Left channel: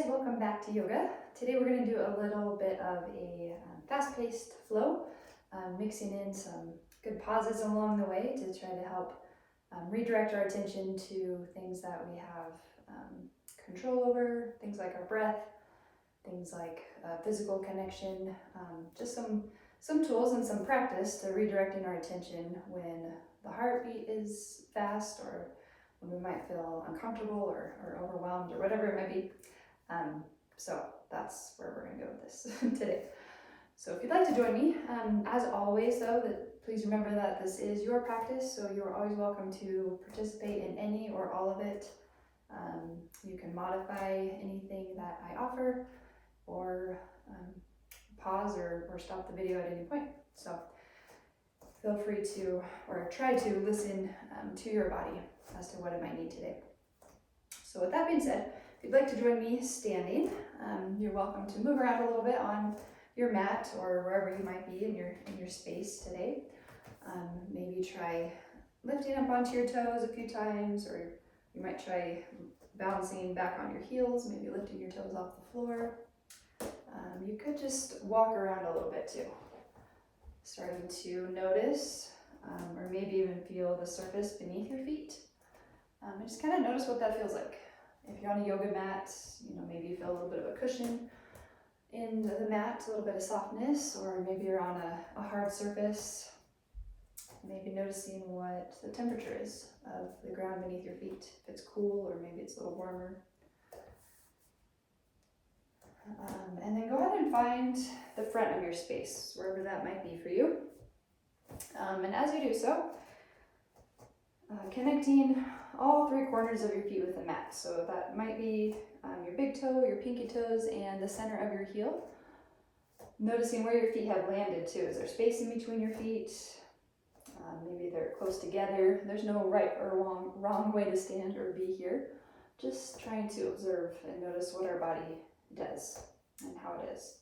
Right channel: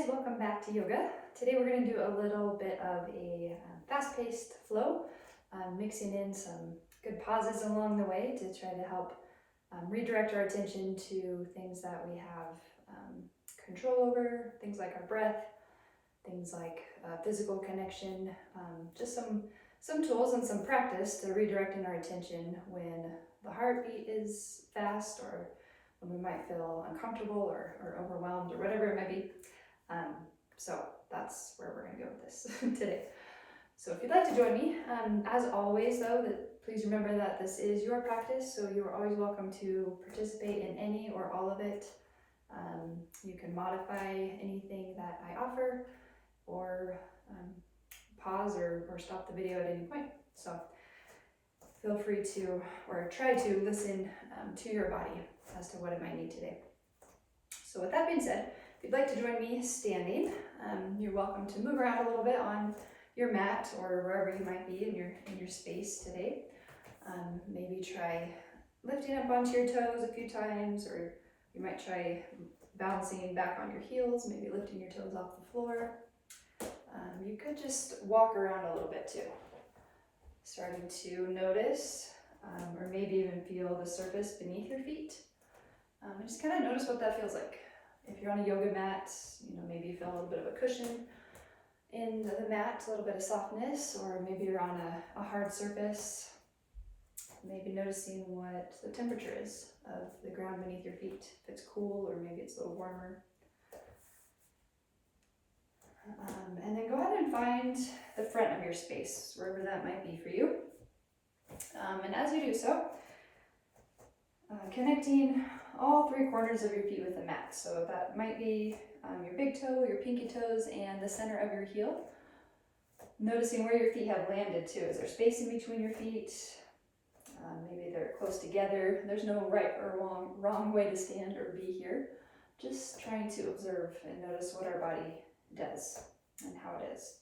guys, welcome back to yoga. Today we're going to do a little bit of a fast-paced flow, mixing in some good pauses along the way to try to help redirect our attention to things that we have control over, things like our breath, things like physical connection, just some tools and some practice to redirecting our attention when the heartbeat is fast or when we might feel uncomfortable or overwhelmed or whatever it might be. So that's where we're going to go with this today. So if you'd like to join me, as always though, please remember that this is your practice, so you're always welcome to participate in any or all of it. You can modify anything that I offer or pause or stop the video at any point. So feel free to, or try to listen to your body as to what it might need today. So with that being said, if you'd like to join me standing, you're welcome to move around a little bit on your mat or wherever you might be in your space today. Maybe try lifting up onto your toes a few times, or you might try bouncing back on your heels, maybe lifting your toes off the floor. You could just walk around a little bit too, starting to notice or maybe even feel the surface beneath your feet. And just kind of notice what that feels like. If you're on a yoga mat, maybe you feel a little bit of a cushion in the mat, a little bit of softness, or maybe you're on a hard surface. Maybe noticing what the temperature is of the ground beneath your feet, if it's cool or maybe it's a little warmer. And then go ahead and find the front of your space, wherever that might be for you. And as you do so, connecting all three corners of your feet with the mat. So that might be your big toe, your pinky toes, and the center of your heel. Noticing where your feet have landed too. Is there space in between your feet? Maybe they're close together. There's no right or wrong way to stand or be here. Just trying to observe and notice what our body does and how it is.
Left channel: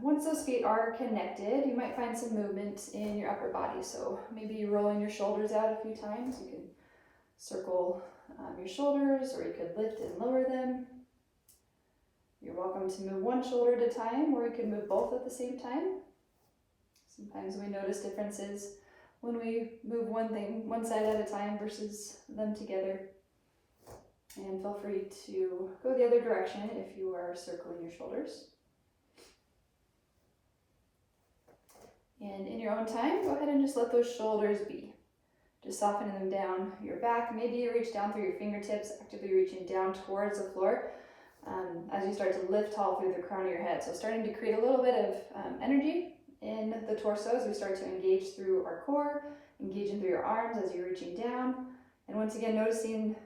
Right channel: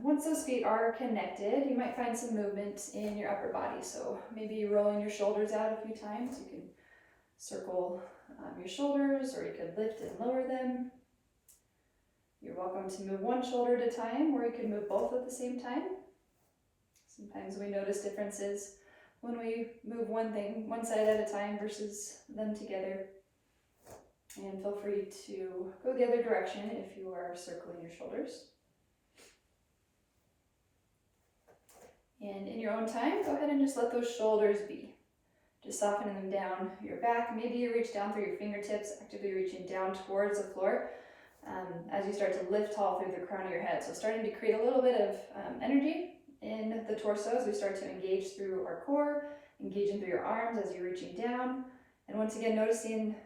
Once those feet are connected, you might find some movement in your upper body. So maybe rolling your shoulders out a few times. You can circle your shoulders, or you could lift and lower them. You're welcome to move one shoulder at a time, or you can move both at the same time. Sometimes we notice differences when we move one side at a time versus them together. And feel free to go the other direction if you are circling your shoulders. And in your own time, go ahead and just let those shoulders be. Just softening them down your back. Maybe you reach down through your fingertips, actively reaching down towards the floor as you start to lift tall through the crown of your head. So starting to create a little bit of energy in the torso as we start to engage through our core, engaging through your arms as you're reaching down. And once again, noticing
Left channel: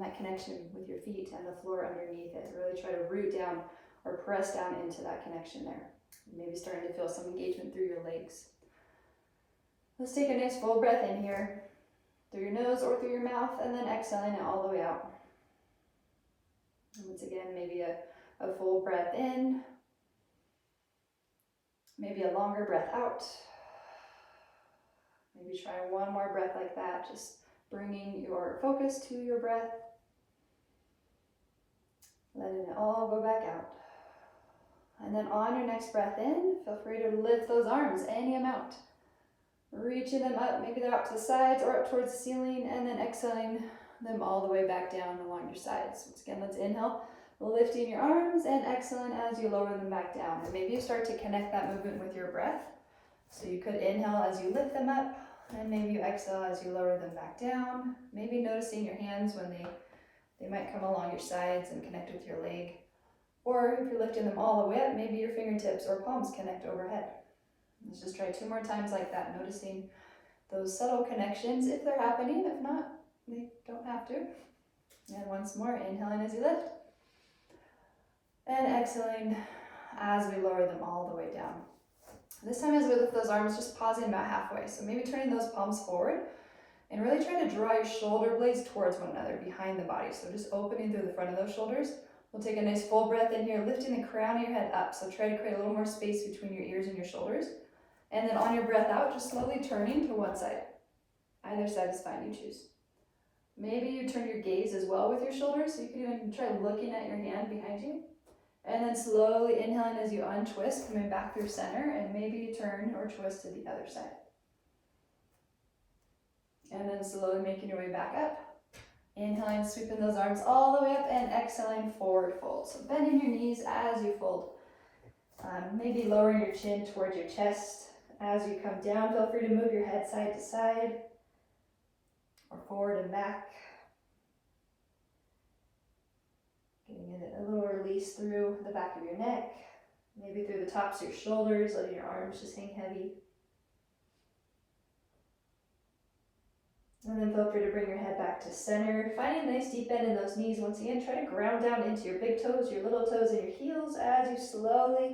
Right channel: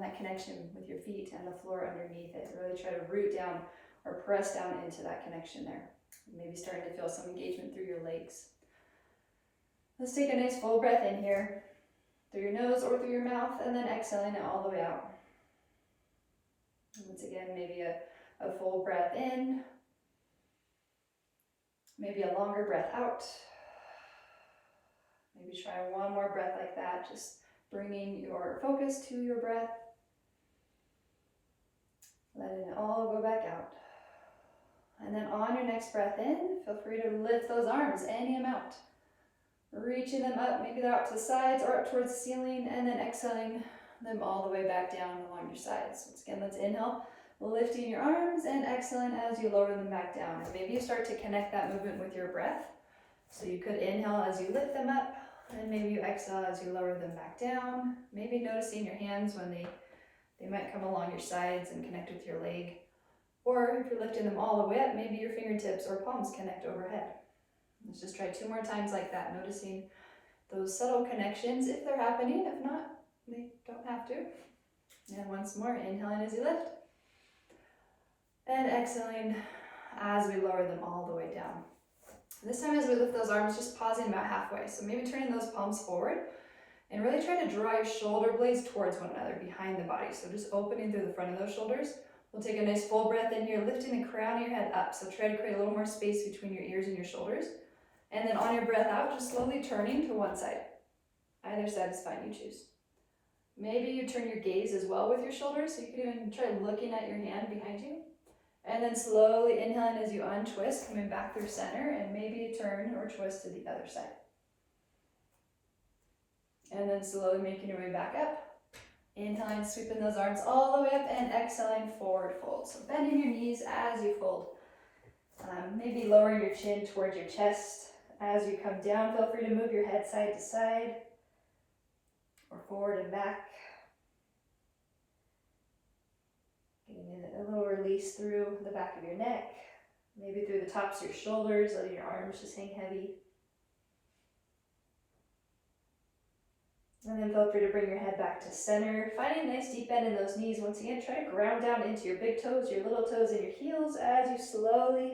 that connection with your feet and the floor underneath it. Really try to root down or press down into that connection there. Maybe starting to feel some engagement through your legs. Let's take a nice full breath in here, through your nose or through your mouth, and then exhaling it all the way out. And once again, maybe a full breath in, maybe a longer breath out. Maybe try one more breath like that, just bringing your focus to your breath, letting it all go back out. And then on your next breath in, feel free to lift those arms any amount. Reaching them up, maybe they're out to the sides or up towards the ceiling, and then exhaling them all the way back down along your sides. Once again, let's inhale, lifting your arms, and exhaling as you lower them back down. And maybe you start to connect that movement with your breath. So you could inhale as you lift them up, and maybe you exhale as you lower them back down. Maybe noticing your hands when they might come along your sides and connect with your leg. Or if you're lifting them all the way up, maybe your fingertips or palms connect overhead. Let's just try 2 more times like that, noticing those subtle connections if they're happening. If not, they don't have to. And once more, inhaling as you lift. And exhaling as we lower them all the way down. This time as we lift those arms, just pausing about halfway. So maybe turning those palms forward and really trying to draw your shoulder blades towards one another behind the body. So just opening through the front of those shoulders. We'll take a nice full breath in here, lifting the crown of your head up. So try to create a little more space between your ears and your shoulders. And then on your breath out, just slowly turning to one side. Either side is fine, you choose. Maybe you turn your gaze as well with your shoulders, so you could even try looking at your hand behind you. And then slowly inhaling as you untwist, coming back through center, and maybe you turn or twist to the other side. And then slowly making your way back up. Inhaling, sweeping those arms all the way up, and exhaling, forward fold. So bending your knees as you fold. Maybe lowering your chin towards your chest. As you come down, feel free to move your head side to side, or forward and back. Getting a little release through the back of your neck, maybe through the tops of your shoulders, letting your arms just hang heavy. And then feel free to bring your head back to center, finding a nice deep bend in those knees. Once again, try to ground down into your big toes, your little toes, and your heels as you slowly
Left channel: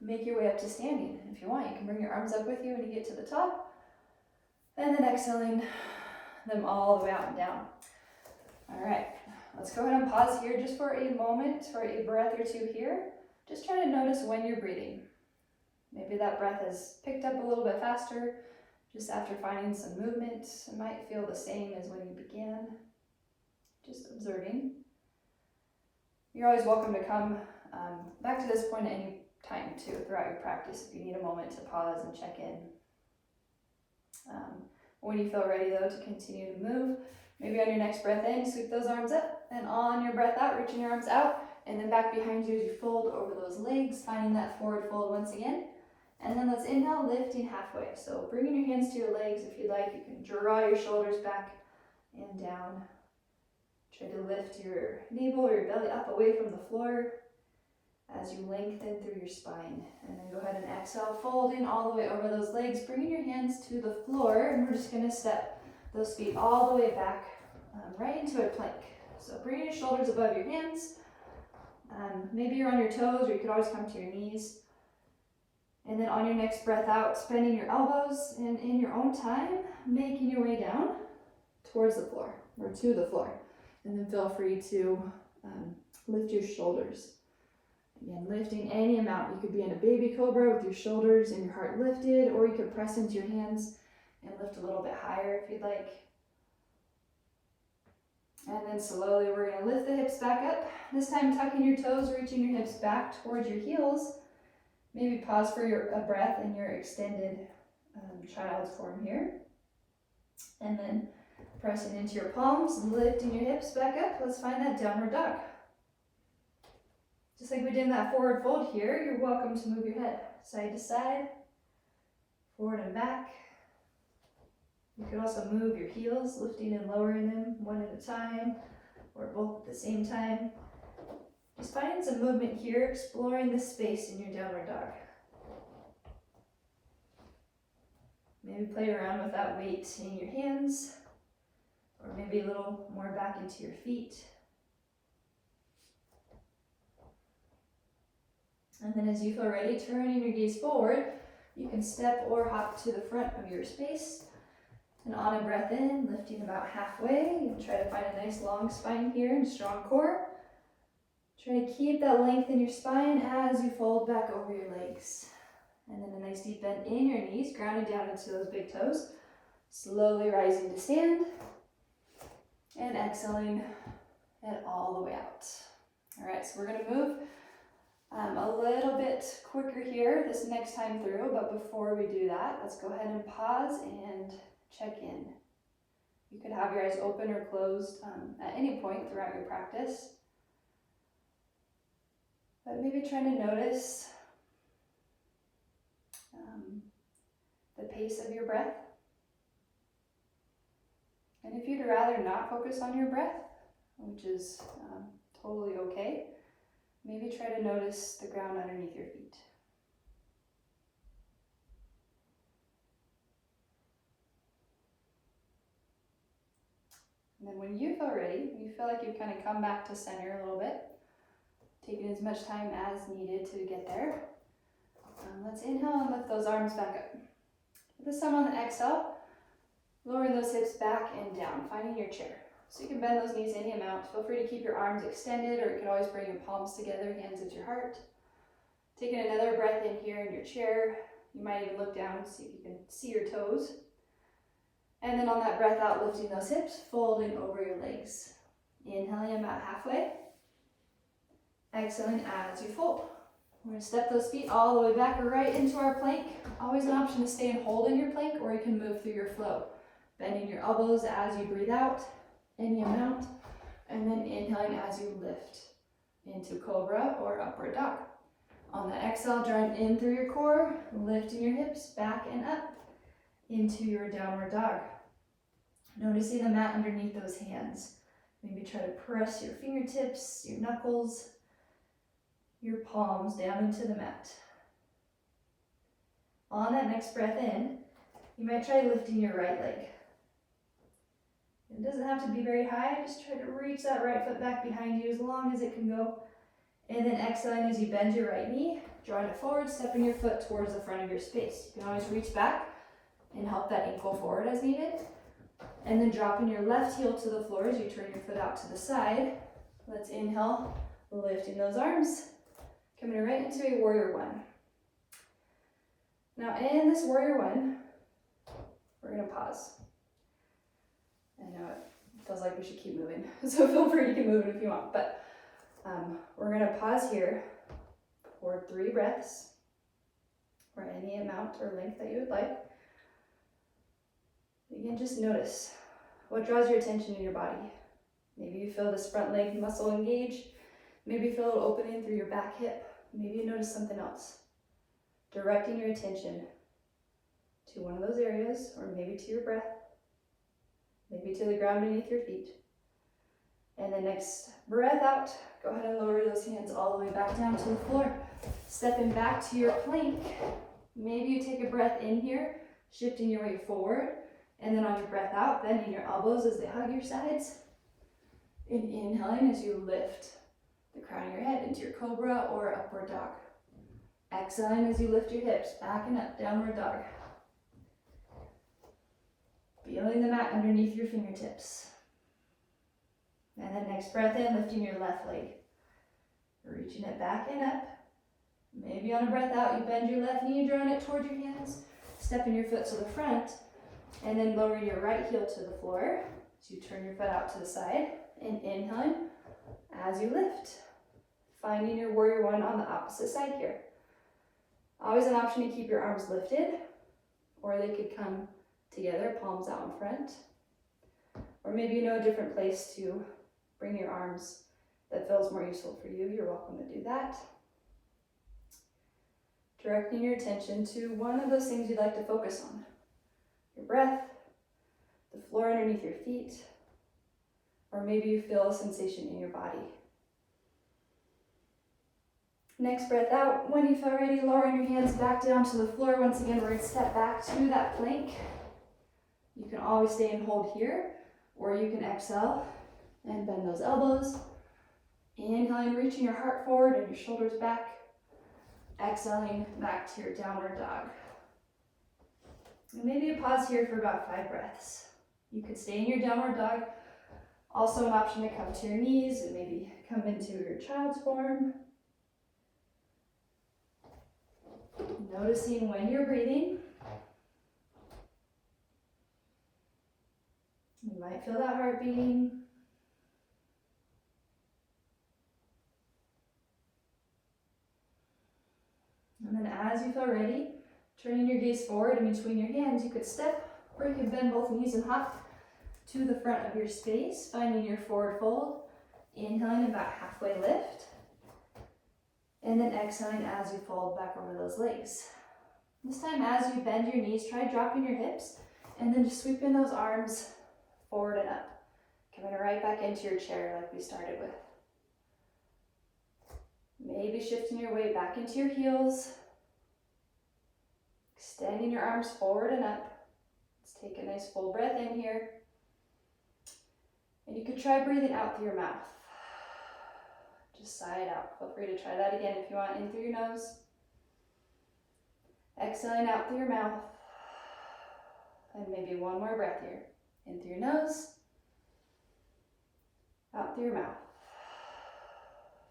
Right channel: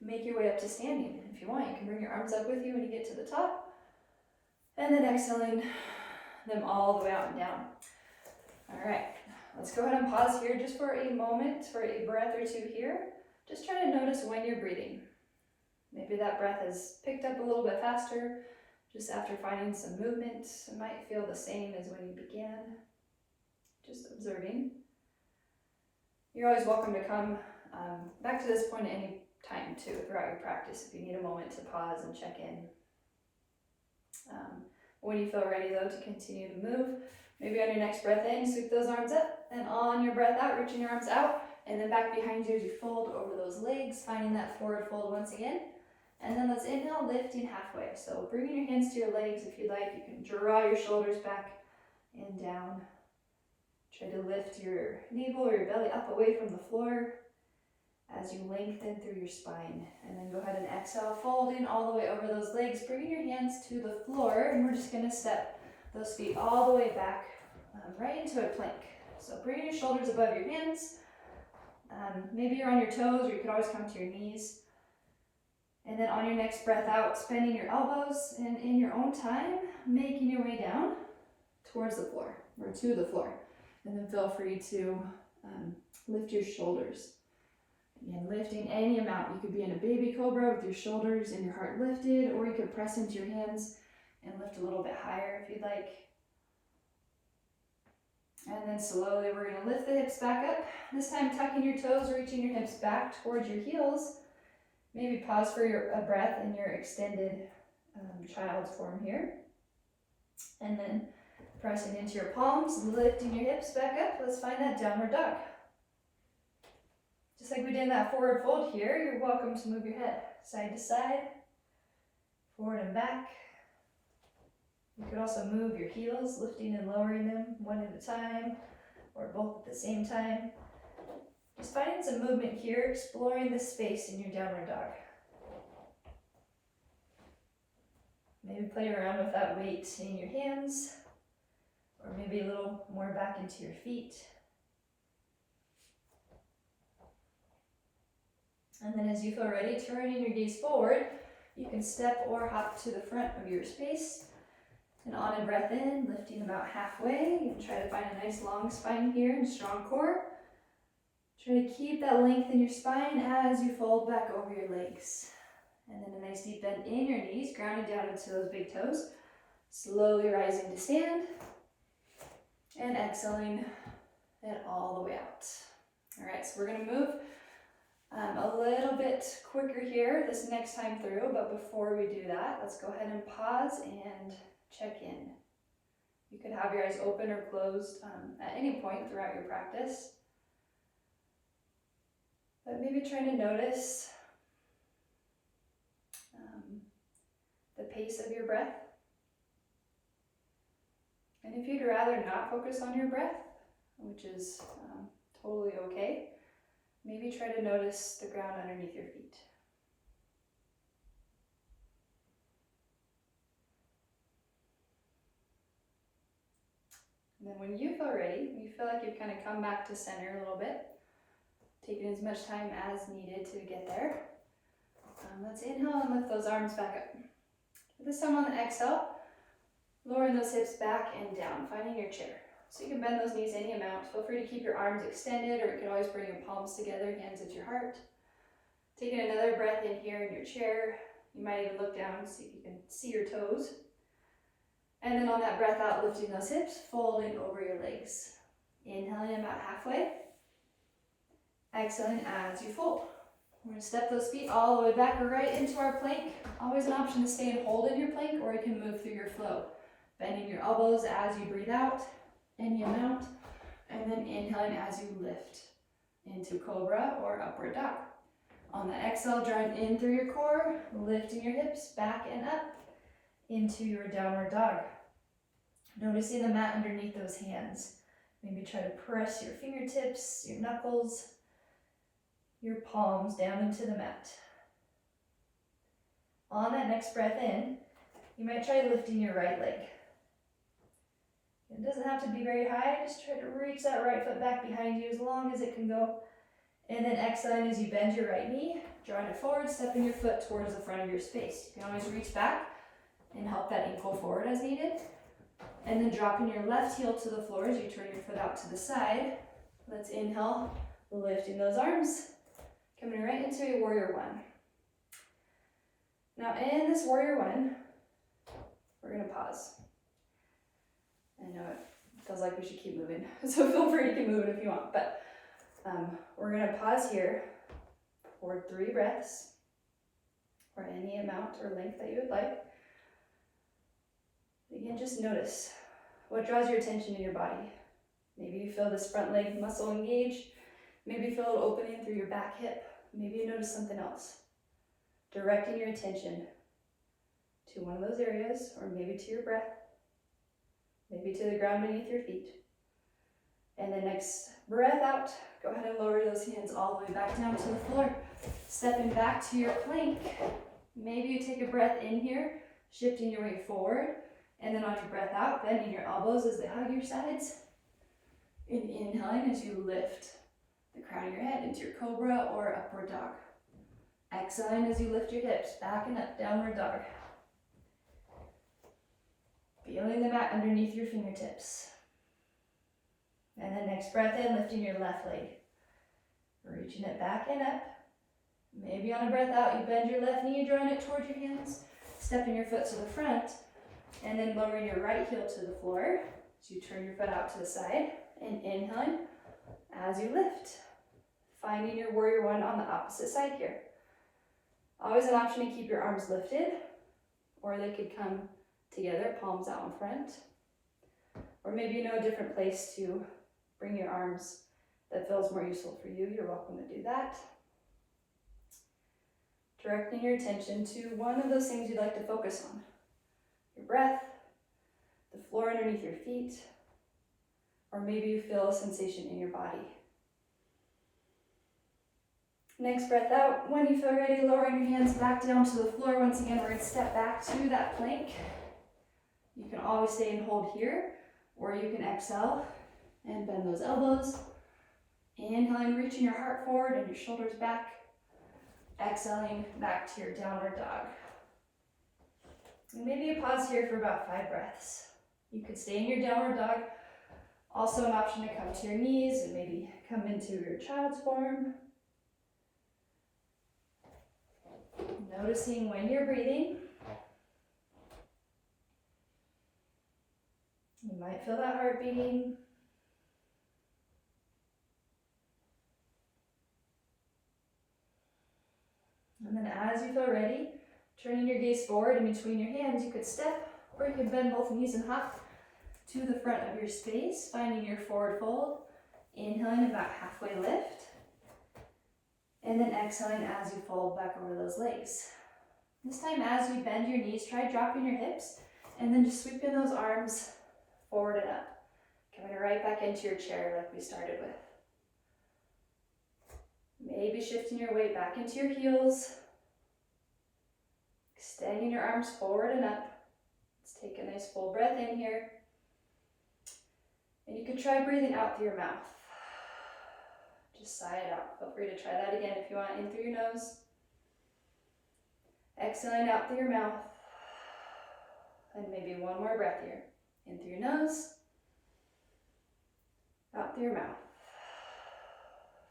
make your way up to standing. If you want, you can bring your arms up with you when you get to the top. And then exhaling them all the way out and down. All right, let's go ahead and pause here just for a moment, for a breath or two here. Just try to notice when you're breathing. Maybe that breath has picked up a little bit faster. Just after finding some movement, it might feel the same as when you began. Just observing. You're always welcome to come back to this point at any time too throughout your practice if you need a moment to pause and check in. When you feel ready though to continue to move, maybe on your next breath in, sweep those arms up, and on your breath out, reaching your arms out, and then back behind you as you fold over those legs, finding that forward fold once again. And then let's inhale, lifting halfway. So bringing your hands to your legs if you'd like. You can draw your shoulders back and down. Try to lift your navel or your belly up away from the floor as you lengthen through your spine. And then go ahead and exhale, folding all the way over those legs, bringing your hands to the floor, and we're just gonna step those feet all the way back right into a plank. So bring your shoulders above your hands. Maybe you're on your toes, or you could always come to your knees. And then on your next breath out, bending your elbows, and in your own time, making your way down towards the floor, or to the floor. And then feel free to lift your shoulders. Again, lifting any amount. You could be in a baby cobra with your shoulders and your heart lifted, or you could press into your hands and lift a little bit higher if you'd like. And then slowly we're going to lift the hips back up. This time tucking your toes, reaching your hips back towards your heels. Maybe pause for a breath in your extended child's form here. And then pressing into your palms, lifting your hips back up. Let's find that downward dog. Just like we did in that forward fold here, you're welcome to move your head side to side, forward and back. You could also move your heels, lifting and lowering them one at a time, or both at the same time. Just finding some movement here, exploring the space in your downward dog. Maybe play around with that weight in your hands, or maybe a little more back into your feet. And then as you feel ready, turning your gaze forward, you can step or hop to the front of your space. And on a breath in, lifting about halfway. You can try to find a nice long spine here and strong core. Try to keep that length in your spine as you fold back over your legs. And then a nice deep bend in your knees, grounding down into those big toes. Slowly rising to stand. And exhaling and all the way out. All right, so we're going to move a little bit quicker here this next time through. But before we do that, let's go ahead and pause and check in. You could have your eyes open or closed at any point throughout your practice. But maybe trying to notice the pace of your breath. And if you'd rather not focus on your breath, which is totally okay, maybe try to notice the ground underneath your feet. And then when you feel ready, when you feel like you've kind of come back to center a little bit, taking as much time as needed to get there, let's inhale and lift those arms back up. This time on the exhale, lowering those hips back and down, finding your chair. So you can bend those knees any amount. Feel free to keep your arms extended, or you can always bring your palms together, hands at your heart. Taking another breath in here in your chair. You might even look down and see if you can see your toes. And then on that breath out, lifting those hips, folding over your legs. Inhaling about halfway. Exhaling as you fold. We're gonna step those feet all the way back or right into our plank. Always an option to stay and hold in your plank, or you can move through your flow. Bending your elbows as you breathe out, any amount, and then inhaling as you lift into cobra or upward dog. On the exhale, drawing in through your core, lifting your hips back and up into your downward dog. Noticing the mat underneath those hands. Maybe try to press your fingertips, your knuckles, your palms down into the mat. On that next breath in, you might try lifting your right leg. It doesn't have to be very high, just try to reach that right foot back behind you as long as it can go. And then exhaling as you bend your right knee, drawing it forward, stepping your foot towards the front of your space. You can always reach back and help that ankle forward as needed. And then dropping your left heel to the floor as you turn your foot out to the side. Let's inhale, lifting those arms, coming right into a warrior one. Now in this warrior one, we're gonna pause. I know it feels like we should keep moving, so feel free to keep moving if you want, but we're gonna pause here for 3 breaths, or any amount or length that you would like. Again, just notice what draws your attention in your body. Maybe you feel this front leg muscle engage, maybe you feel a little opening through your back hip, maybe you notice something else. Directing your attention to one of those areas, or maybe to your breath, maybe to the ground beneath your feet. And then next breath out, go ahead and lower those hands all the way back down to the floor. Stepping back to your plank. Maybe you take a breath in here, shifting your weight forward, and then on your breath out, bending your elbows as they hug your sides. And inhaling as you lift the crown of your head into your cobra or upward dog. Exhaling as you lift your hips back and up, downward dog. Feeling the mat underneath your fingertips. And then next breath in, lifting your left leg. Reaching it back and up. Maybe on a breath out, you bend your left knee, drawing it towards your hands, stepping your foot to the front, and then lowering your right heel to the floor. So you turn your foot out to the side, and inhaling as you lift. Finding your warrior one on the opposite side here. Always an option to keep your arms lifted, or they could come together, palms out in front. Or maybe you know a different place to bring your arms that feels more useful for you. You're welcome to do that. Directing your attention to one of those things you'd like to focus on. Your breath, the floor underneath your feet, or maybe you feel a sensation in your body. Next breath out. When you feel ready, lowering your hands back down to the floor. Once again, we're going to step back to that plank. You can always stay and hold here, or you can exhale and bend those elbows. Inhaling, reaching your heart forward and your shoulders back. Exhaling back to your downward dog. And maybe you pause here for about 5 breaths. You could stay in your downward dog. Also an option to come to your knees and maybe come into your child's form. Noticing when you're breathing. You might feel that heart beating. And then as you feel ready, turning your gaze forward in between your hands, you could step or you could bend both knees and hop to the front of your space, finding your forward fold. Inhaling about halfway lift. And then exhaling as you fold back over those legs. This time as you bend your knees, try dropping your hips and then just sweeping those arms forward and up. Coming right back into your chair like we started with. Maybe shifting your weight back into your heels. Extending your arms forward and up. Let's take a nice full breath in here. And you could try breathing out through your mouth. Just sigh it out. Feel free to try that again if you want. In through your nose. Exhaling out through your mouth. And maybe one more breath here. In through your nose. Out through your mouth.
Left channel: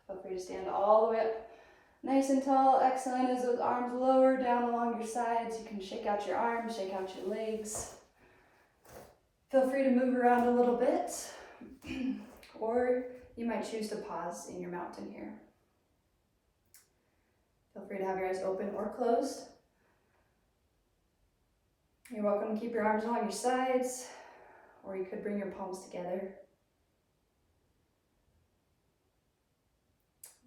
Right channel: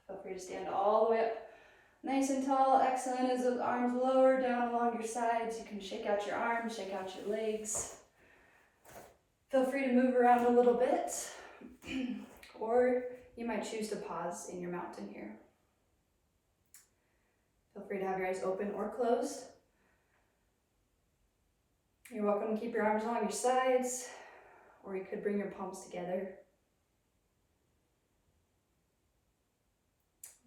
Feel free to stand all the way up. Nice and tall. Exhaling as those arms lower down along your sides. You can shake out your arms, shake out your legs. Feel free to move around a little bit, or you might choose to pause in your mountain here. Feel free to have your eyes open or closed. You're welcome to keep your arms along your sides, or you could bring your palms together.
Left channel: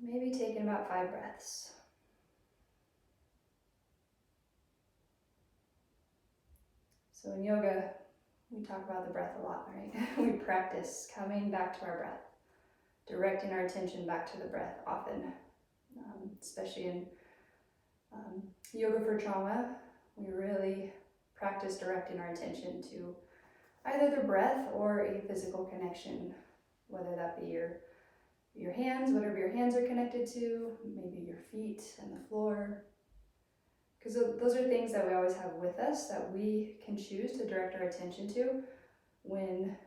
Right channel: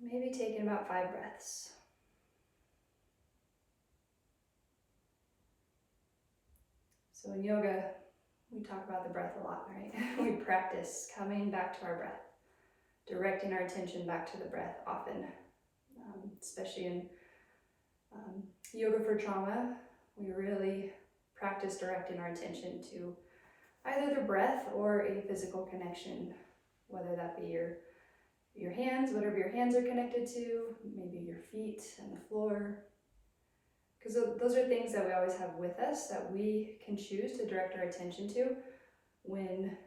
Maybe taking about 5 breaths. So in yoga, we talk about the breath a lot, right? We practice coming back to our breath, directing our attention back to the breath often, especially in yoga for trauma. We really practice directing our attention to either the breath or a physical connection, whether that be your hands, whatever your hands are connected to, maybe your feet and the floor. Because those are things that we always have with us that we can choose to direct our attention to when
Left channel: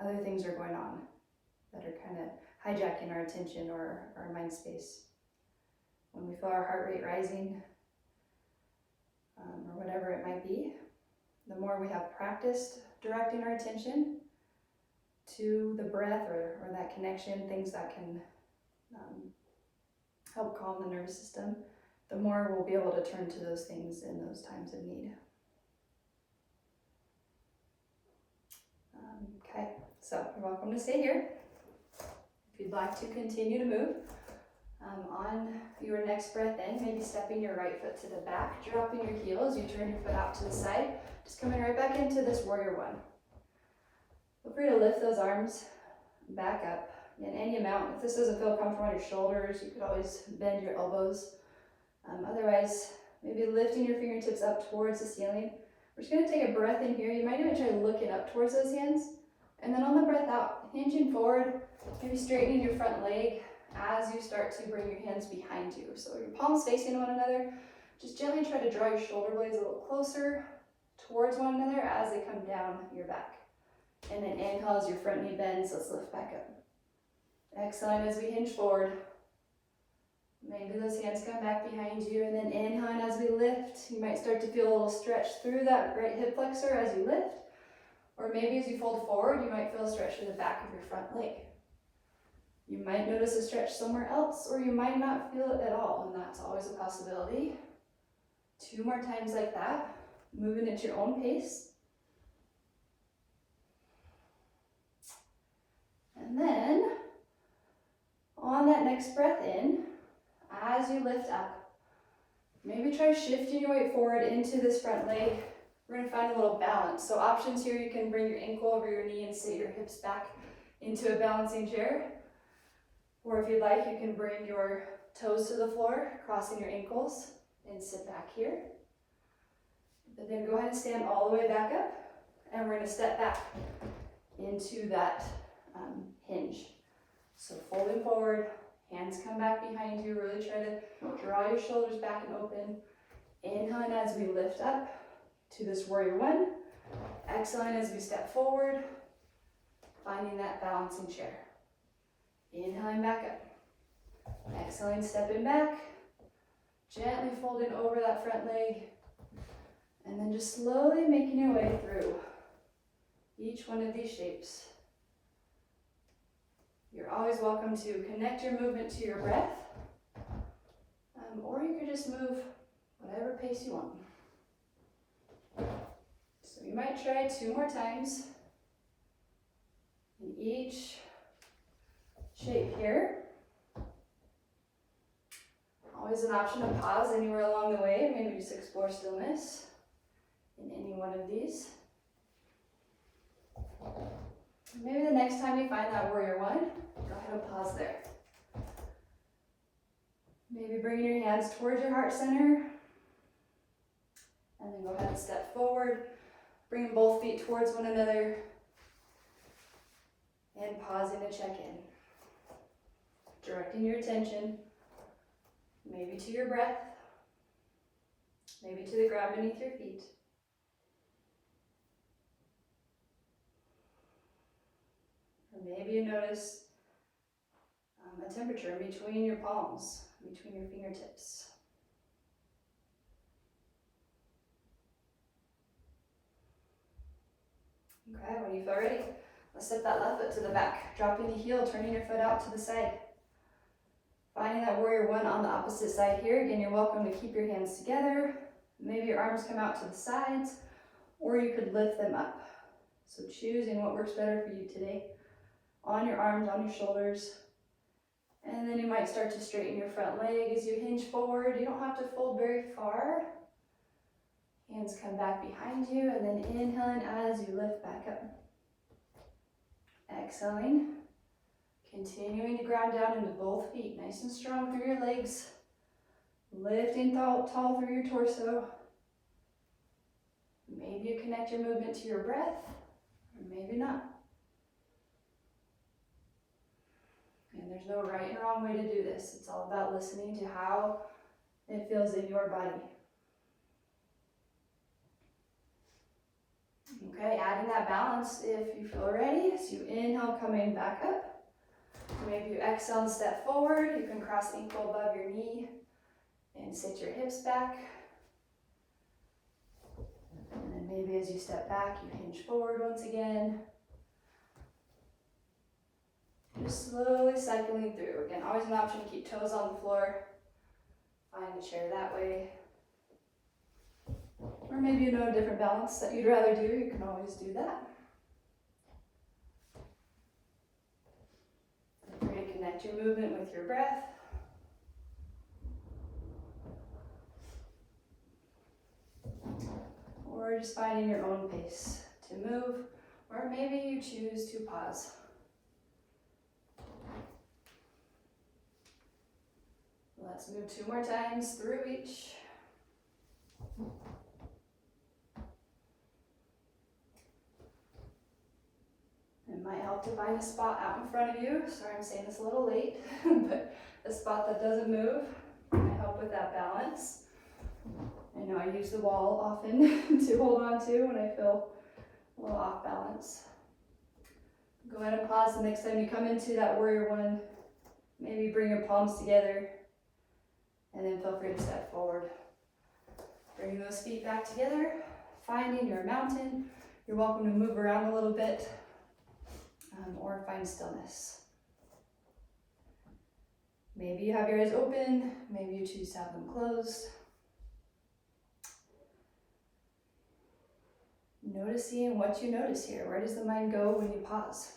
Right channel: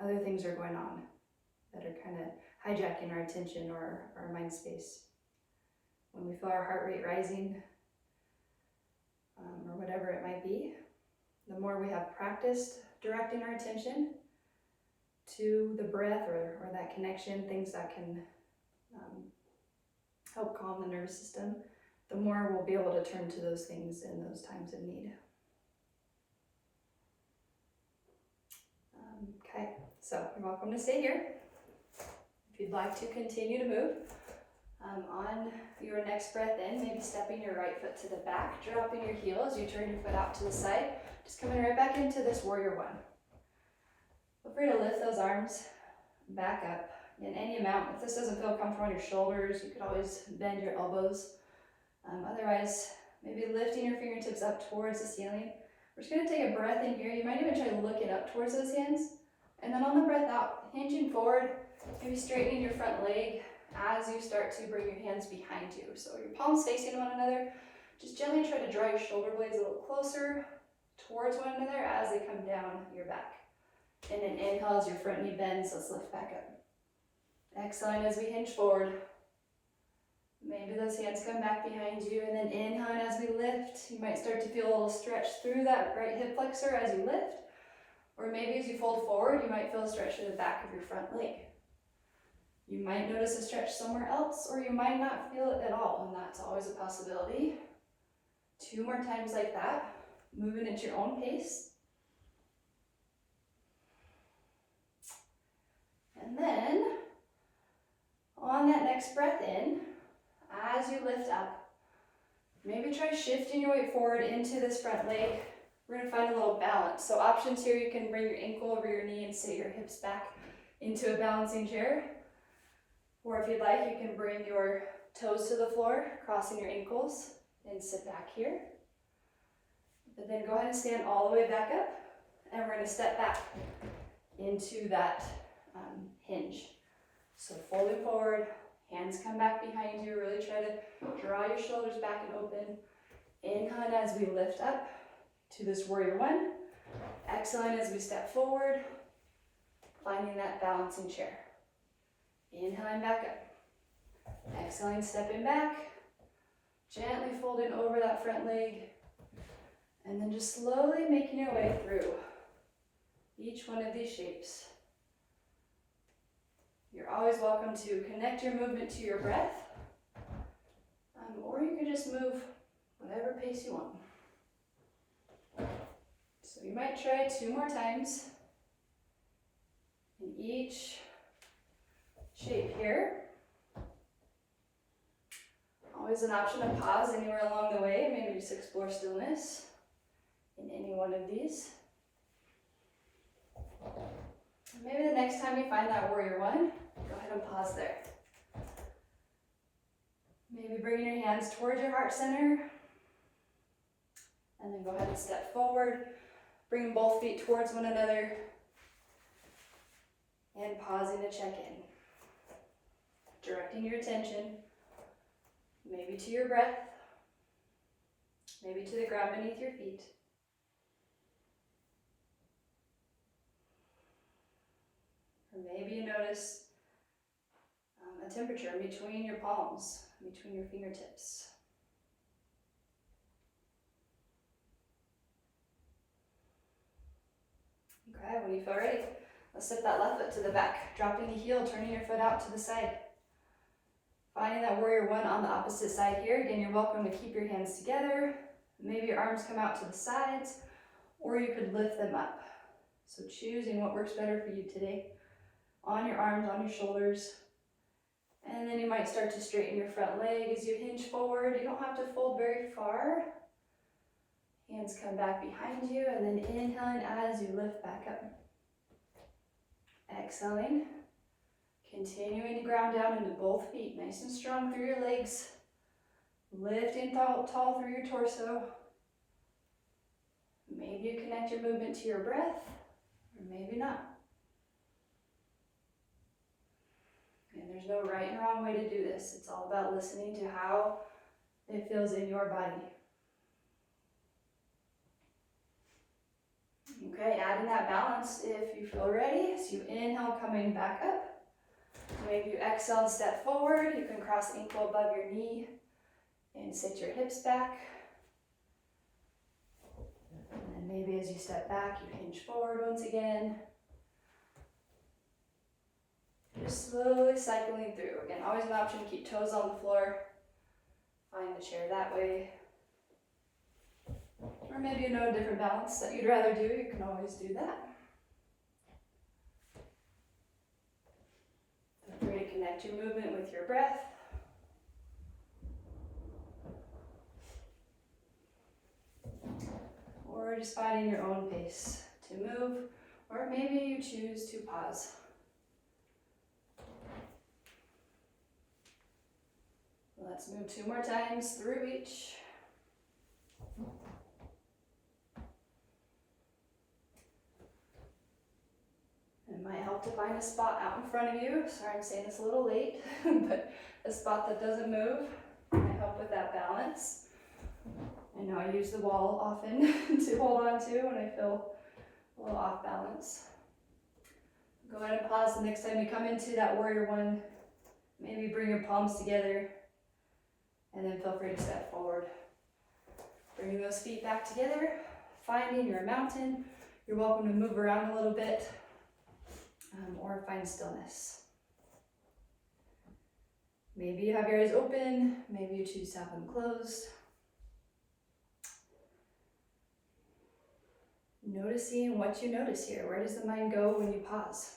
other things are going on that are kind of hijacking our attention or our mind space. When we feel our heart rate rising, or whatever it might be, the more we have practiced directing our attention to the breath or that connection, things that can help calm the nervous system, the more we'll be able to turn to those things in those times of need. Okay, so you're welcome to stay here. If you'd like to continue to move, on your next breath in, maybe stepping your right foot to the back, dropping your heel as you turn your foot out to the side, just coming right back into this warrior one. Feel free to lift those arms back up in any amount. If this doesn't feel comfortable on your shoulders, you could always bend your elbows. Otherwise, maybe lifting your fingertips up towards the ceiling. We're just going to take a breath in here. You might even try looking up towards those hands. And then on the breath out, hinging forward, maybe straightening your front leg as you start to bring your hands behind you. So your palms facing one another. Just gently try to draw your shoulder blades a little closer towards one another as they come down your back. And then inhale as your front knee bends. Let's lift back up. Exhaling as we hinge forward. Maybe those hands come back behind you, and then inhaling as we lift. You might start to feel a little stretch through that right hip flexor as you lift. Or maybe as you fold forward, you might feel a stretch through the back of your front leg. You might notice a stretch somewhere else, or you might not feel it at all, and that's always a possibility. 2 more times like that, moving at your own pace. And then, on that next breath in, as you lift up, maybe try shifting your weight forward into this front leg. We're going to find a little balance. So options here, you can bring your ankle over your knee and sit your hips back into a balancing chair. Or if you'd like, you can bring your toes to the floor, crossing your ankles, and sit back here. But then go ahead and stand all the way back up, and we're going to step back into that hinge. So folding forward, hands come back behind you, really try to draw your shoulders back and open. Inhaling as we lift up to this warrior one. Exhaling as we step forward, finding that balancing chair. Inhaling back up. Exhaling, stepping back, gently folding over that front leg, and then just slowly making your way through each one of these shapes. You're always welcome to connect your movement to your breath, or you could just move whatever pace you want. So you might try 2 more times in each shape here. Always an option to pause anywhere along the way, maybe just explore stillness in any one of these. Maybe the next time you find that warrior one, go ahead and pause there. Maybe bringing your hands towards your heart center, and then go ahead and step forward, bring both feet towards one another, and pausing to check in. Directing your attention, maybe to your breath, maybe to the ground beneath your feet. Or maybe you notice a temperature between your palms, between your fingertips. Okay, when you feel ready, let's step that left foot to the back, dropping the heel, turning your foot out to the side. Finding that warrior one on the opposite side here. Again, you're welcome to keep your hands together. Maybe your arms come out to the sides, or you could lift them up. So choosing what works better for you today. On your arms, on your shoulders. And then you might start to straighten your front leg as you hinge forward. You don't have to fold very far. Hands come back behind you, and then inhaling as you lift back up. Exhaling. Continuing to ground down into both feet, nice and strong through your legs. Lifting tall through your torso. Maybe you connect your movement to your breath, or maybe not. And there's no right and wrong way to do this. It's all about listening to how it feels in your body. Okay, adding that balance if you feel ready. So you inhale, coming back up. Maybe you exhale and step forward. You can cross the ankle above your knee and sit your hips back. And then maybe as you step back, you hinge forward once again. Just slowly cycling through. Again, always an option to keep toes on the floor. Find a chair that way. Or maybe you know a different balance that you'd rather do. You can always do that. Feel free to connect your movement with your breath. Or just finding your own pace to move. Or maybe you choose to pause. Let's move 2 more times through each. It might help to find a spot out in front of you. Sorry, I'm saying this a little late, but a spot that doesn't move might help with that balance. I know I use the wall often to hold on to when I feel a little off balance. Go ahead and pause the next time you come into that warrior one. Maybe bring your palms together and then feel free to step forward. Bring those feet back together, finding your mountain. You're welcome to move around a little bit or find stillness. Maybe you have your eyes open, maybe you choose to have them closed. Noticing what you notice here. Where does the mind go when you pause?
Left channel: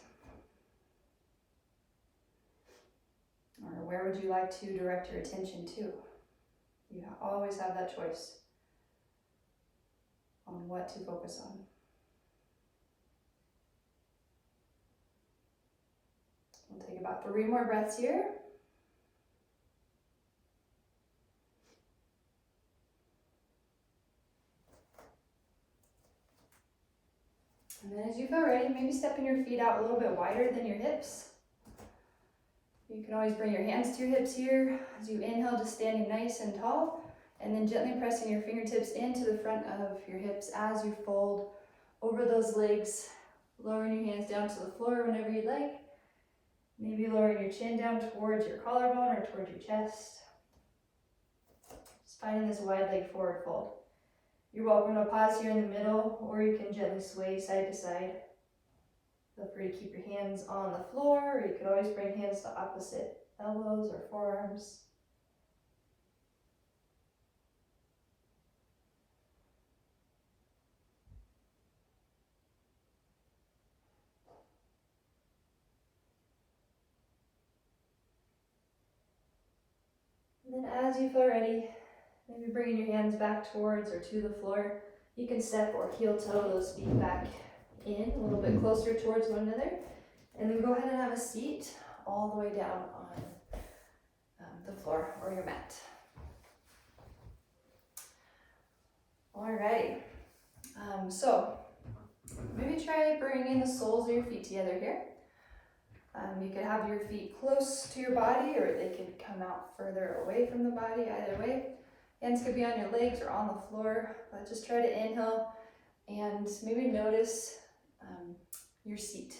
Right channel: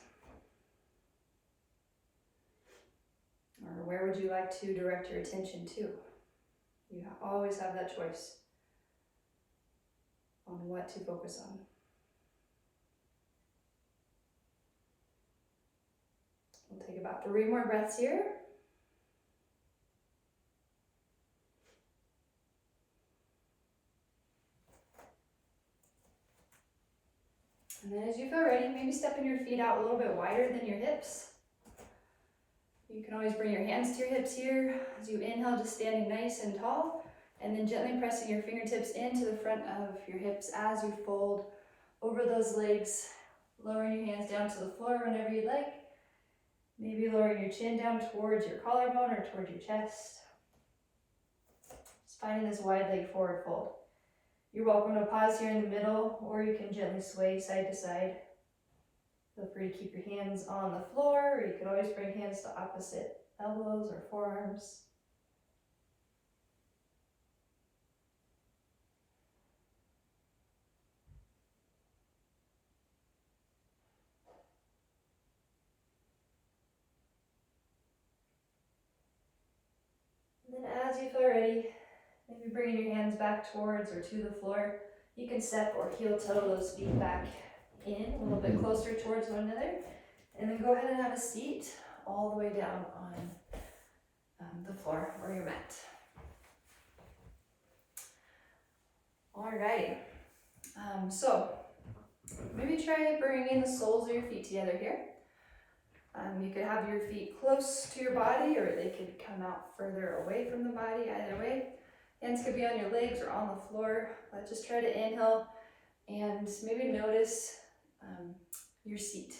Or where would you like to direct your attention to? You always have that choice on what to focus on. We'll take about 3 more breaths here. And then as you feel ready, maybe stepping your feet out a little bit wider than your hips. You can always bring your hands to your hips here. As you inhale, just standing nice and tall, and then gently pressing your fingertips into the front of your hips as you fold over those legs, lowering your hands down to the floor whenever you'd like. Maybe lowering your chin down towards your collarbone or towards your chest. Just finding this wide leg forward fold. You're welcome to pause here in the middle, or you can gently sway side to side. Feel free to keep your hands on the floor, or you can always bring hands to opposite elbows or forearms. And then as you feel ready, maybe bringing your hands back towards or to the floor. You can step or heel toe those feet back in a little bit closer towards one another. And then go ahead and have a seat all the way down on the floor or your mat. Alrighty. So maybe try bringing the soles of your feet together here. You could have your feet close to your body, or they could come out further away from the body, either way. Hands could be on your legs or on the floor, but just try to inhale and maybe notice your seat.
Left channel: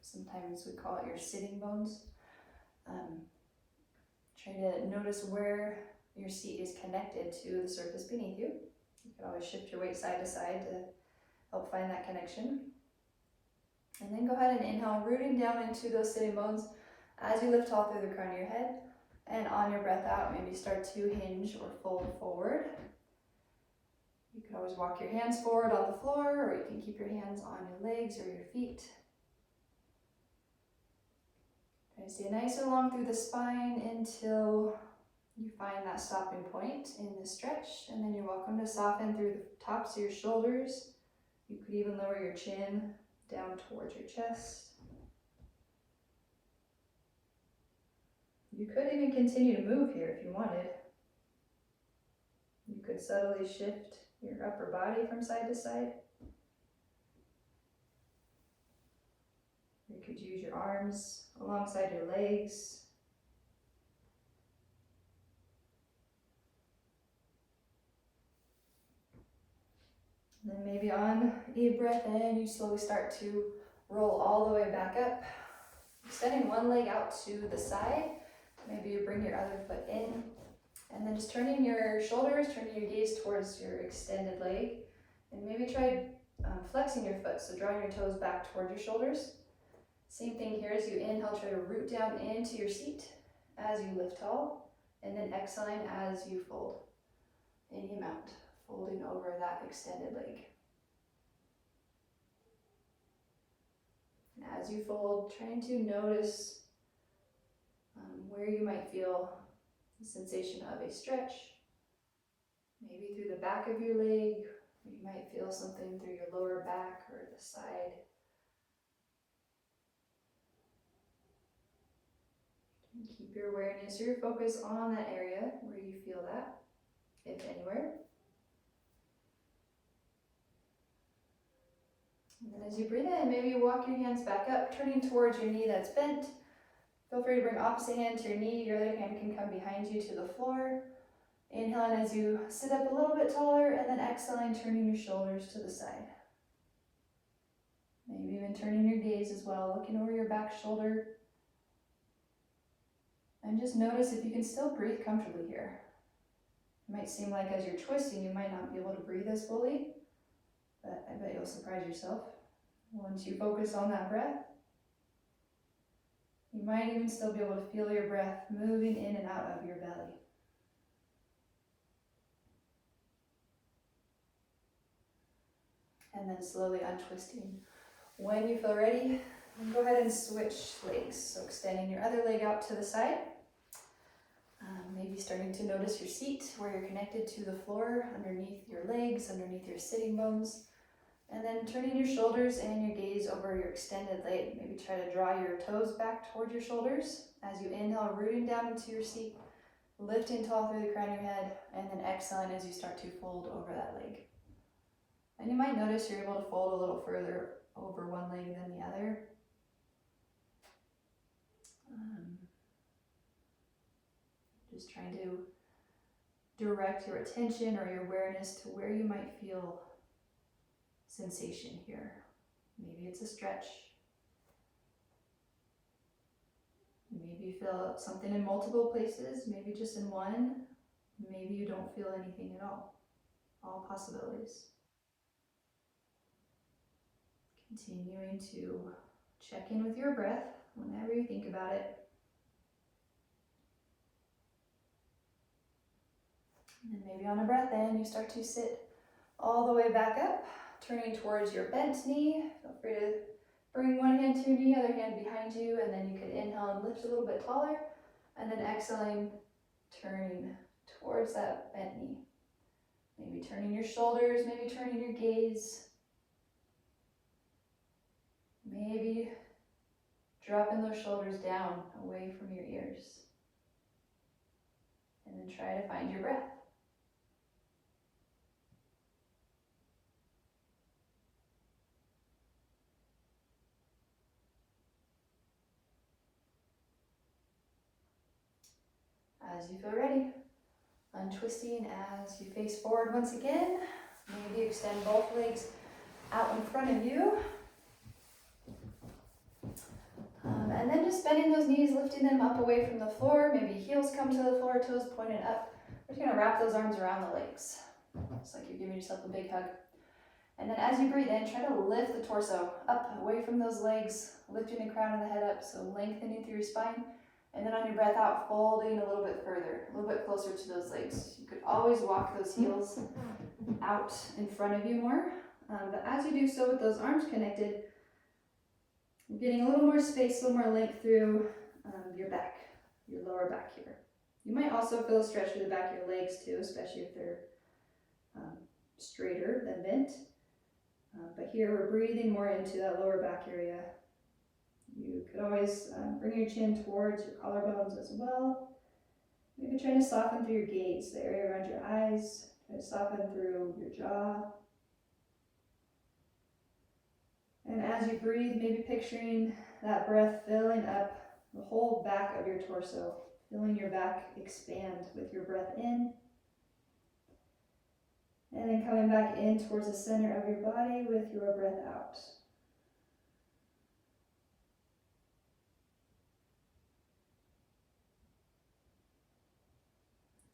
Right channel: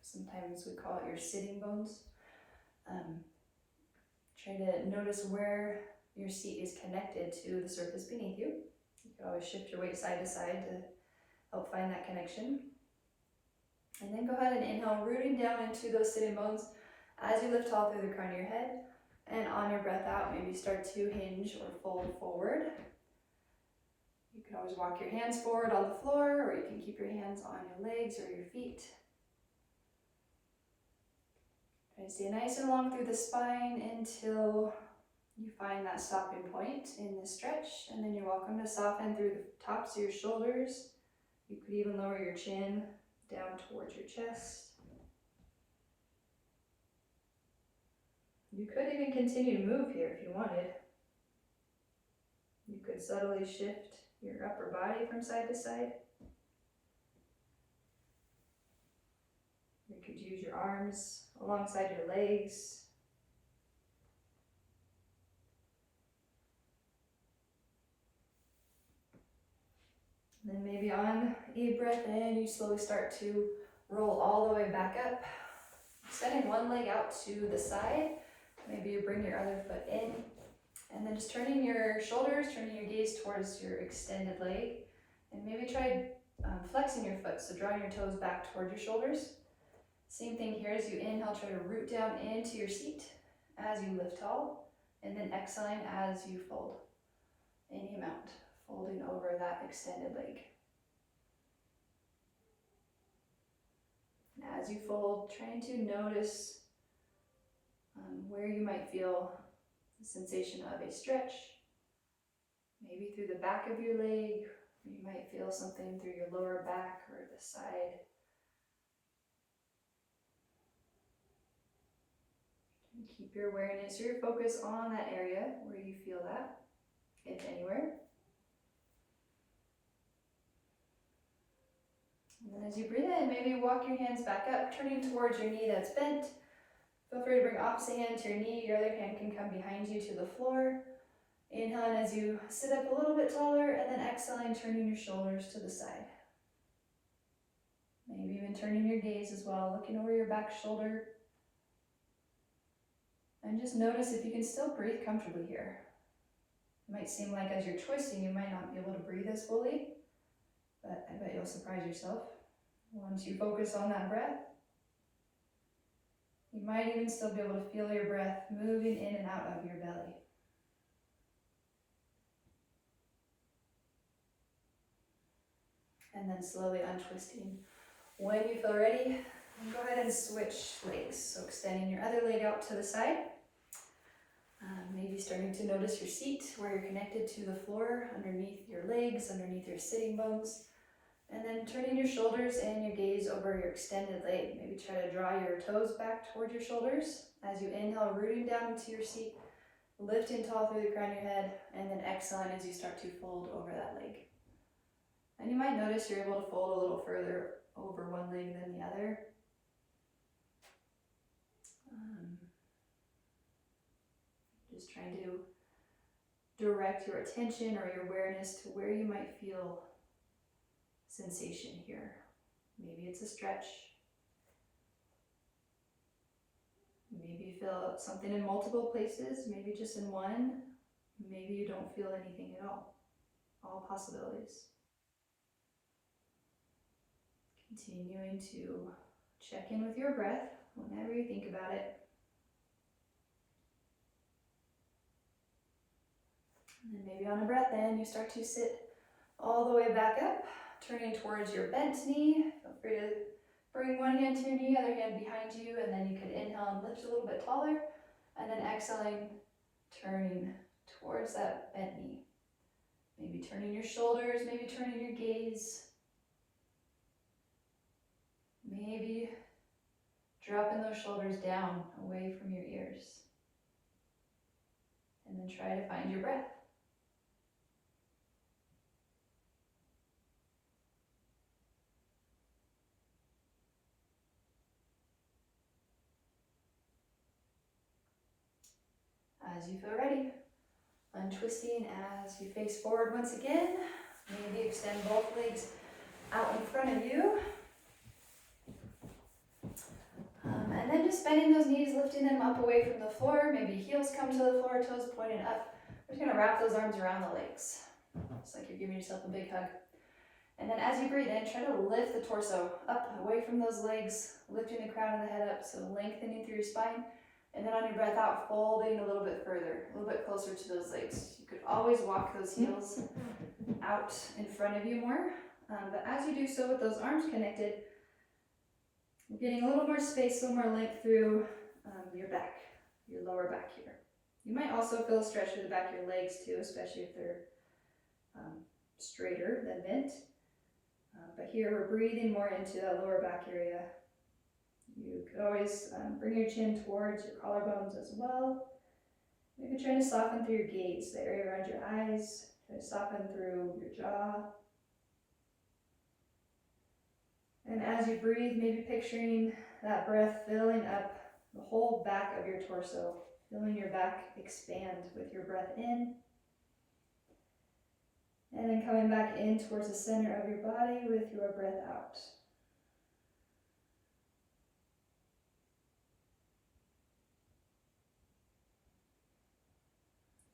Sometimes we call it your sitting bones. Try to notice where your seat is connected to the surface beneath you. You can always shift your weight side to side to help find that connection. And then go ahead and inhale, rooting down into those sitting bones as you lift tall through the crown of your head. And on your breath out, maybe start to hinge or fold forward. You can always walk your hands forward on the floor, or you can keep your hands on your legs or your feet. Try to stay nice and long through the spine until you find that stopping point in the stretch, and then you're welcome to soften through the tops of your shoulders. You could even lower your chin down towards your chest. You could even continue to move here if you wanted. You could subtly shift your upper body from side to side. You could use your arms alongside your legs. And then maybe on a breath in, you slowly start to roll all the way back up, extending one leg out to the side. Maybe you bring your other foot in, and then just turning your shoulders, turning your gaze towards your extended leg, and maybe try flexing your foot, so drawing your toes back towards your shoulders. Same thing here as you inhale, try to root down into your seat as you lift tall, and then exhaling as you fold any amount, folding over that extended leg. And as you fold, trying to notice where you might feel the sensation of a stretch, maybe through the back of your leg, or you might feel something through your lower back or the side. And keep your awareness or your focus on that area where you feel that, if anywhere. And then as you breathe in, maybe walk your hands back up, turning towards your knee that's bent. Feel free to bring opposite hand to your knee. Your other hand can come behind you to the floor. Inhaling as you sit up a little bit taller, and then exhaling, turning your shoulders to the side. Maybe even turning your gaze as well, looking over your back shoulder. And just notice if you can still breathe comfortably here. It might seem like as you're twisting, you might not be able to breathe as fully, but I bet you'll surprise yourself once you focus on that breath. You might even still be able to feel your breath moving in and out of your belly. And then slowly untwisting. When you feel ready, go ahead and switch legs. So extending your other leg out to the side. Maybe starting to notice your seat, where you're connected to the floor, underneath your legs, underneath your sitting bones. And then turning your shoulders and your gaze over your extended leg. Maybe try to draw your toes back toward your shoulders. As you inhale, rooting down into your seat, lifting tall through the crown of your head, and then exhaling as you start to fold over that leg. And you might notice you're able to fold a little further over one leg than the other. Just trying to direct your attention or your awareness to where you might feel sensation here. Maybe it's a stretch. Maybe you feel something in multiple places, maybe just in one. Maybe you don't feel anything at all. All possibilities. Continuing to check in with your breath whenever you think about it. And then maybe on a breath in, you start to sit all the way back up, turning towards your bent knee. Feel free to bring one hand to your knee, other hand behind you, and then you can inhale and lift a little bit taller, and then exhaling, turning towards that bent knee. Maybe turning your shoulders, maybe turning your gaze. Maybe dropping those shoulders down away from your ears. And then try to find your breath. As you feel ready, untwisting as you face forward once again. Maybe extend both legs out in front of you. And then just bending those knees, lifting them up away from the floor. Maybe heels come to the floor, toes pointed up. We're just gonna wrap those arms around the legs. It's like you're giving yourself a big hug. And then as you breathe in, try to lift the torso up, away from those legs, lifting the crown of the head up, so lengthening through your spine. And then on your breath out, folding a little bit further, a little bit closer to those legs. You could always walk those heels out in front of you more. But as you do so with those arms connected, you're getting a little more space, a little more length through your back, your lower back here. You might also feel a stretch through the back of your legs too, especially if they're straighter than bent. But here we're breathing more into that lower back area. You could always bring your chin towards your collarbones as well. Maybe try to soften through your gaze, the area around your eyes. Try to soften through your jaw. And as you breathe, maybe picturing that breath filling up the whole back of your torso, feeling your back expand with your breath in. And then coming back in towards the center of your body with your breath out.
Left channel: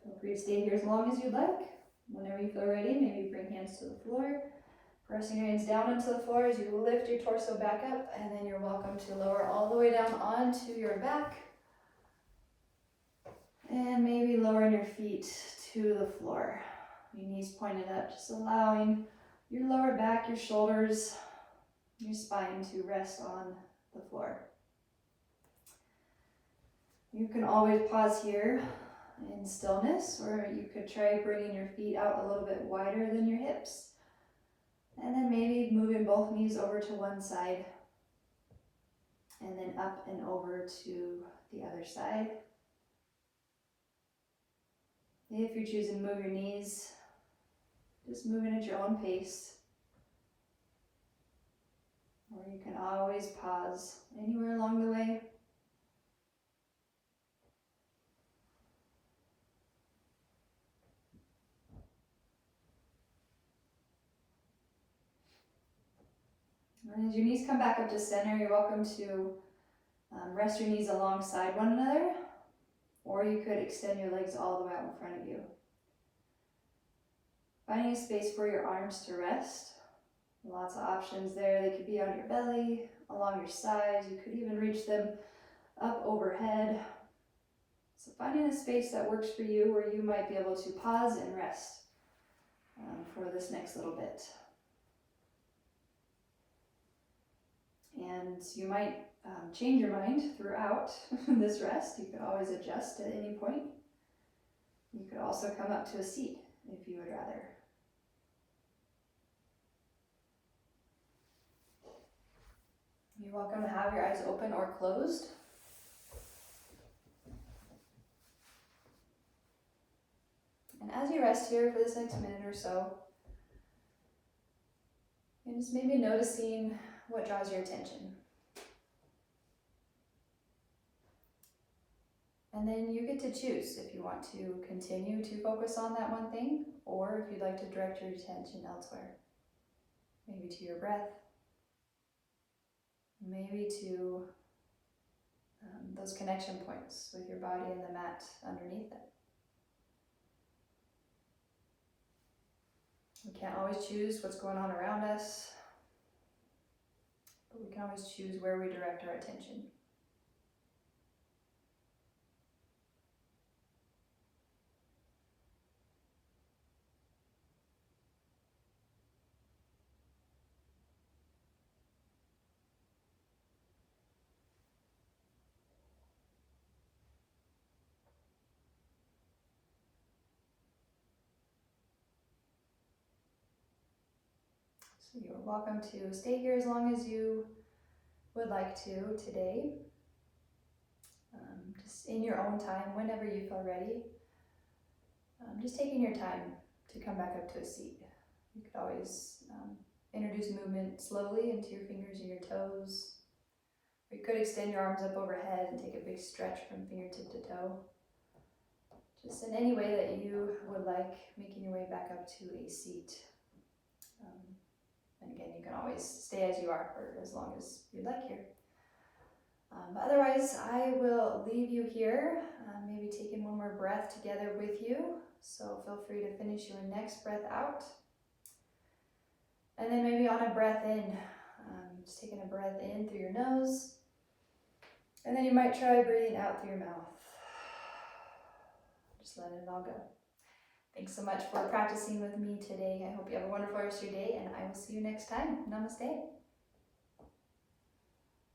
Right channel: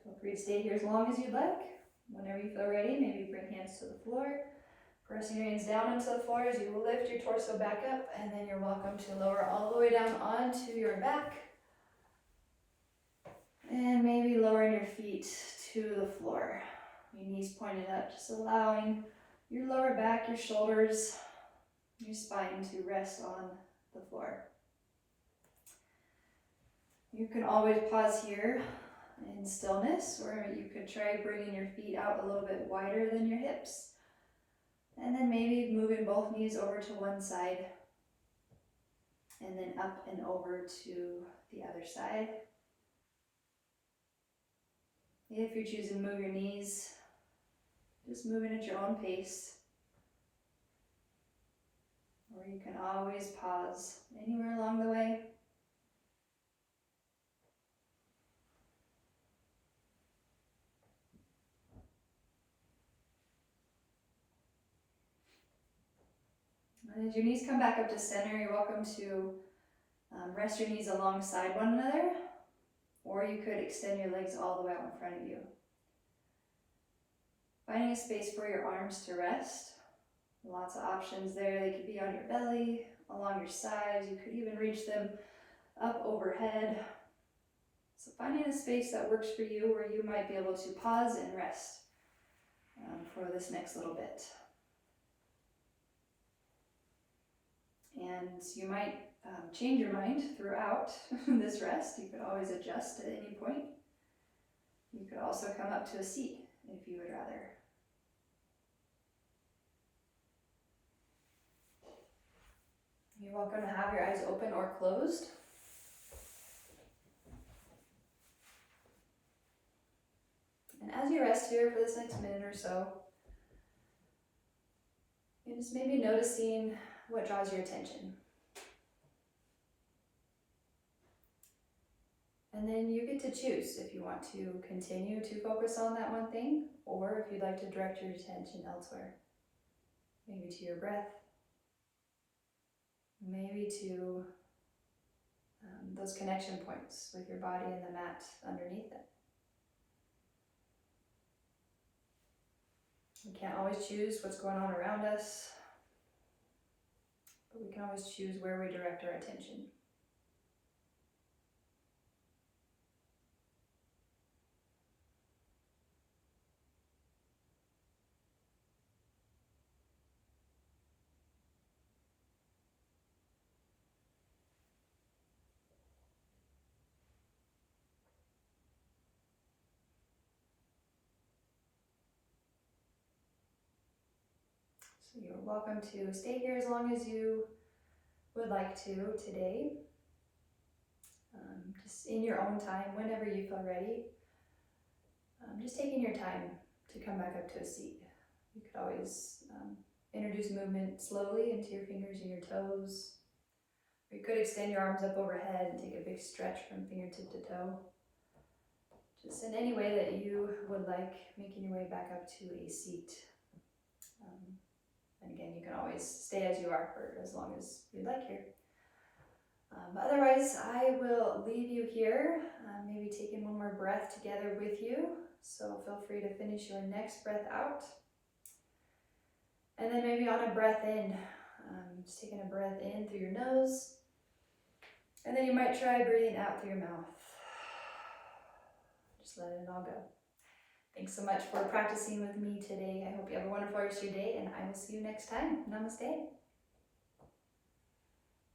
Feel free to stay here as long as you'd like. Whenever you feel ready, maybe bring hands to the floor. Pressing your hands down into the floor as you lift your torso back up, and then you're welcome to lower all the way down onto your back. And maybe lowering your feet to the floor. Your knees pointed up, just allowing your lower back, your shoulders, your spine to rest on the floor. You can always pause here in stillness, or you could try bringing your feet out a little bit wider than your hips. And then maybe moving both knees over to one side, and then up and over to the other side. If you're choosing to move your knees, just moving at your own pace. Or you can always pause anywhere along the way. And as your knees come back up to center, you're welcome to rest your knees alongside one another, or you could extend your legs all the way out in front of you. Finding a space for your arms to rest. Lots of options there. They could be on your belly, along your sides. You could even reach them up overhead. So finding a space that works for you where you might be able to pause and rest for this next little bit. And you might change your mind throughout this rest. You could always adjust at any point. You could also come up to a seat if you would rather. You're welcome to have your eyes open or closed. And as you rest here for this next minute or so, you're just maybe noticing what draws your attention. And then you get to choose if you want to continue to focus on that one thing, or if you'd like to direct your attention elsewhere. Maybe to your breath, maybe to those connection points with your body and the mat underneath it. We can't always choose what's going on around us, but we can always choose where we direct our attention. So you're welcome to stay here as long as you would like to today. Just in your own time, whenever you feel ready. Just taking your time to come back up to a seat. You could always introduce movement slowly into your fingers and your toes. Or you could extend your arms up overhead and take a big stretch from fingertip to toe. Just in any way that you would like, making your way back up to a seat. And again, you can always stay as you are for as long as you'd like here. But otherwise, I will leave you here, maybe taking one more breath together with you. So feel free to finish your next breath out. And then maybe on a breath in, just taking a breath in through your nose. And then you might try breathing out through your mouth. Just letting it all go. Thanks so much for practicing with me today. I hope you have a wonderful rest of your day, and I will see you next time. Namaste.